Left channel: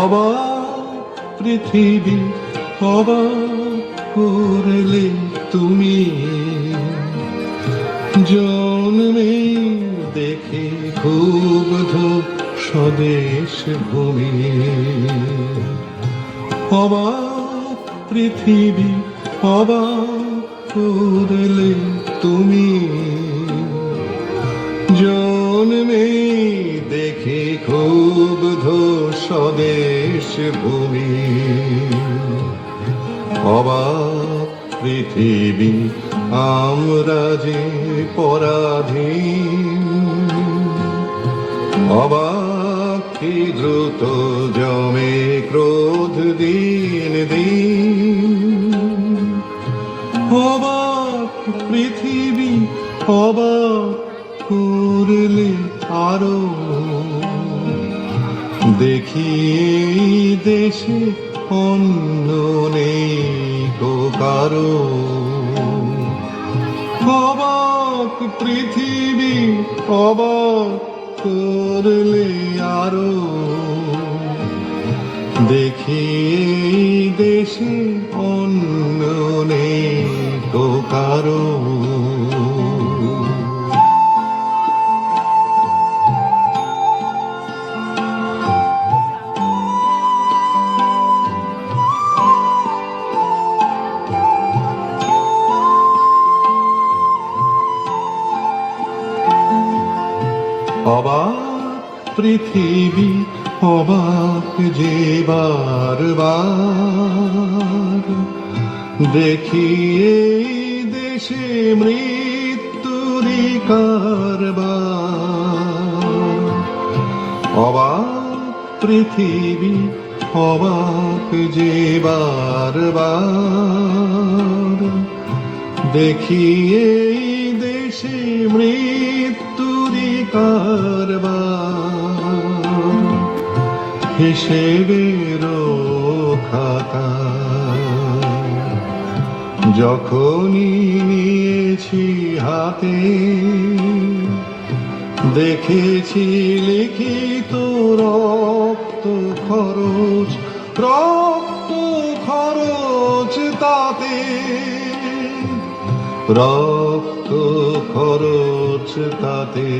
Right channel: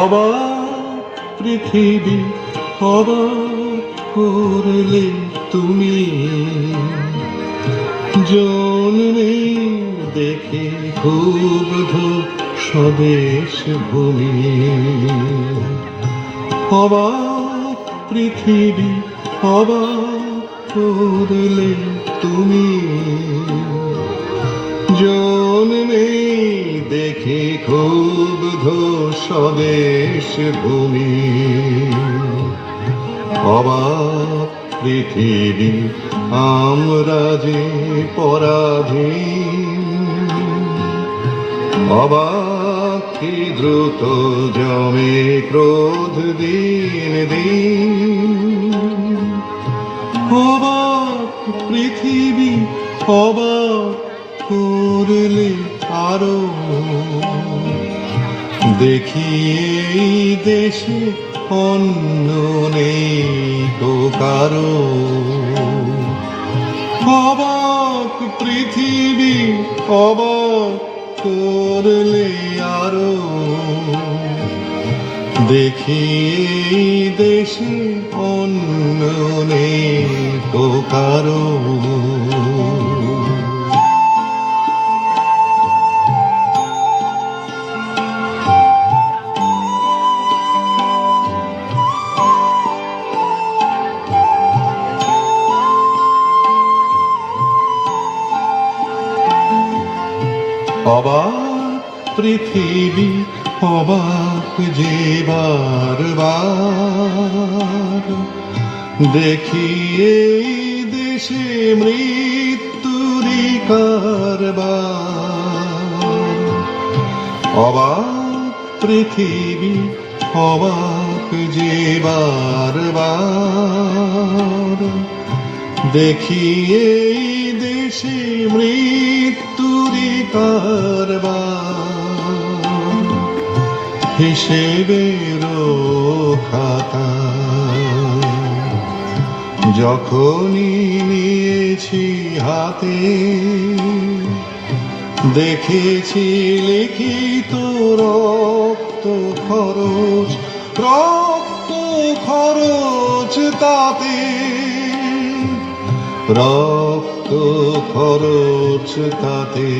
অবাক পৃথিবী অবাক করলে তুমি, জন্মে দেখে ক্ষুব্ধ স্বদেশ ভূমি। অবাক পৃথিবী অবাক করলে তুমি, জন্মে দেখে ক্ষুব্ধ স্বদেশ ভূমি। অবাক পৃথিবী আমরা যে পরাধীন, অবাক কি দ্রুত জমে ক্রোধ দিন দিন। অবাক পৃথিবী অবাক করলে আরো, দেখি এই দেশে অন্য নেই তো কারো। অবাক পৃথিবী অবাক করলে আরো, দেখি এই দেশে অন্য নেই তো কারো। অবাক পৃথিবী অবাক যে বারবার, দেখি এই দেশে মৃত্যুরই কারবার। অবাক পৃথিবী অবাক যে বারবার, দেখি এই দেশে মৃত্যুরই কারবার। হিসেবের খাতা যখনই নিয়েছি হাতে, দেখেছি লিখিত রক্ত খরচ, রক্ত খরচ তাতে, রক্ত খরচ তাতে।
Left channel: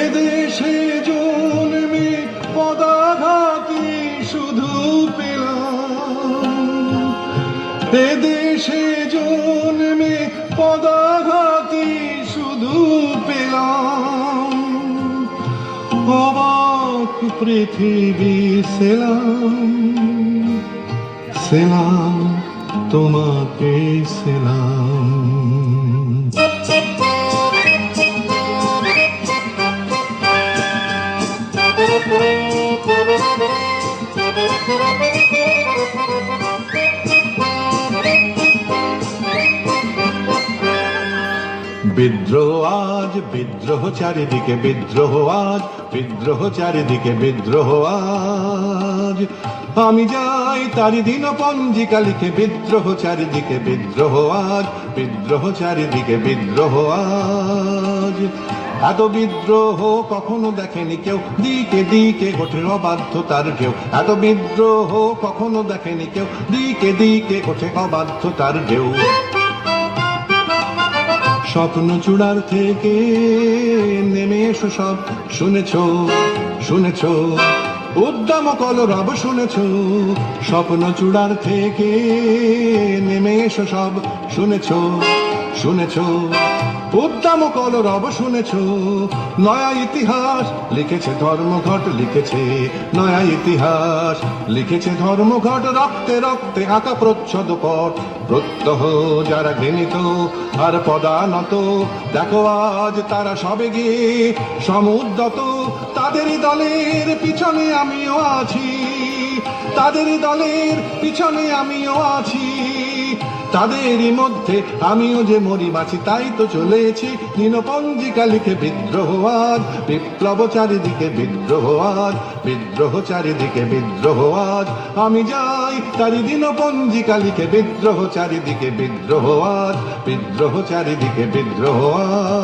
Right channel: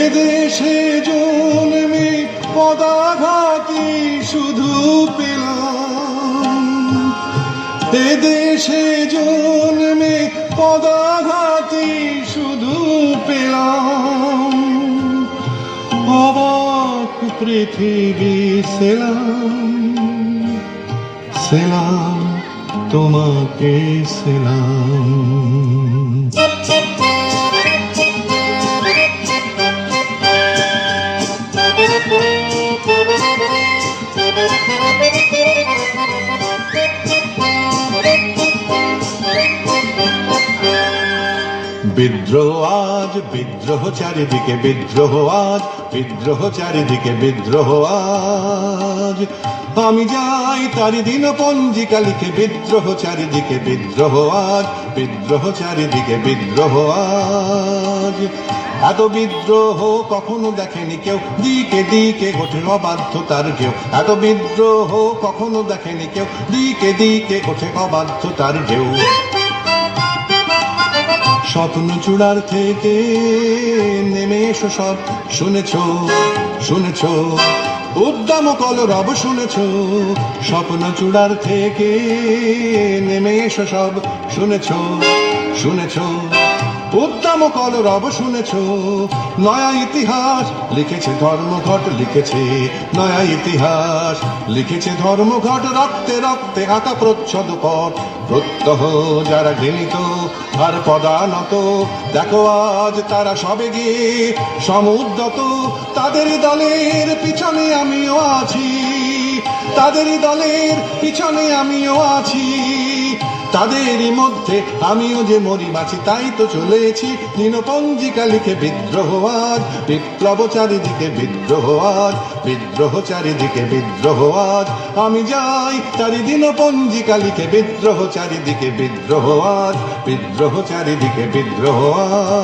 এদেশে জন্মে পদাঘাতে শুধু পেলাম, এদেশে জন্মে পদাঘাতে শুধু পেলাম। অবাক পৃথিবী সেলাম, সেলাম তোমাকে সেলাম। বিদ্রোহ আজ বিদ্রোহ চারিদিকে, বিদ্রোহ আজ বিদ্রোহ চারিদিকে, বিদ্রোহ আজ। আমি যাই তারি দিন পঞ্জিকা লিখে, বিদ্রোহ চারিদিকে, বিদ্রোহ আজ, বিদ্রোহ চারিদিকে, বিদ্রোহ আজ। এত বিদ্রোহ কখনো দেখেনি কেউ, দিকে দিকে ওঠে অবাধ্যতার ঢেউ। এত বিদ্রোহ কখনো দেখেনি কেউ, দিকে দিকে ওঠে অবাধ্যতার ঢেউ। স্বপ্ন চূড়ার থেকে নেমে এসো সব, শুনেছ শুনেছ উদ্দাম কলরব শুনেছ। স্বপ্ন চূড়ার থেকে নেমে এসো সব, শুনেছ শুনেছ উদ্দাম কলরব শুনেছ। নয়া ইতিহাস লিখেছে ধর্মঘট, লিখেছে নয়া ইতিহাস লিখেছে ধর্মঘট। রক্তে রক্তে আঁকা প্রচ্ছদ পথ, প্রত্যহ যারা ঘৃণিত আর পদানত, দেখো আজ তারা সবে গিয়ে সমুদ্রত। তাদের দলের পিছনে আমিও আছি, তাদের দলের পিছনে আমিও আছি। তাদেরই মধ্যে আমিও যে মরি বাঁচি, তাই তো চলেছি দিনপঞ্জিকা লিখে। বিদ্রোহ আজ বিপ্লব চারিদিকে, বিদ্রোহ আজ বিদ্রোহ চারিদিকে, বিদ্রোহ আজ। আমি যাই তারি দিনপঞ্জিকা লিখে, বিদ্রোহ চারিদিকে, বিদ্রোহ আজ বিদ্রোহ চারিদিকে, বিদ্রোহ আজ।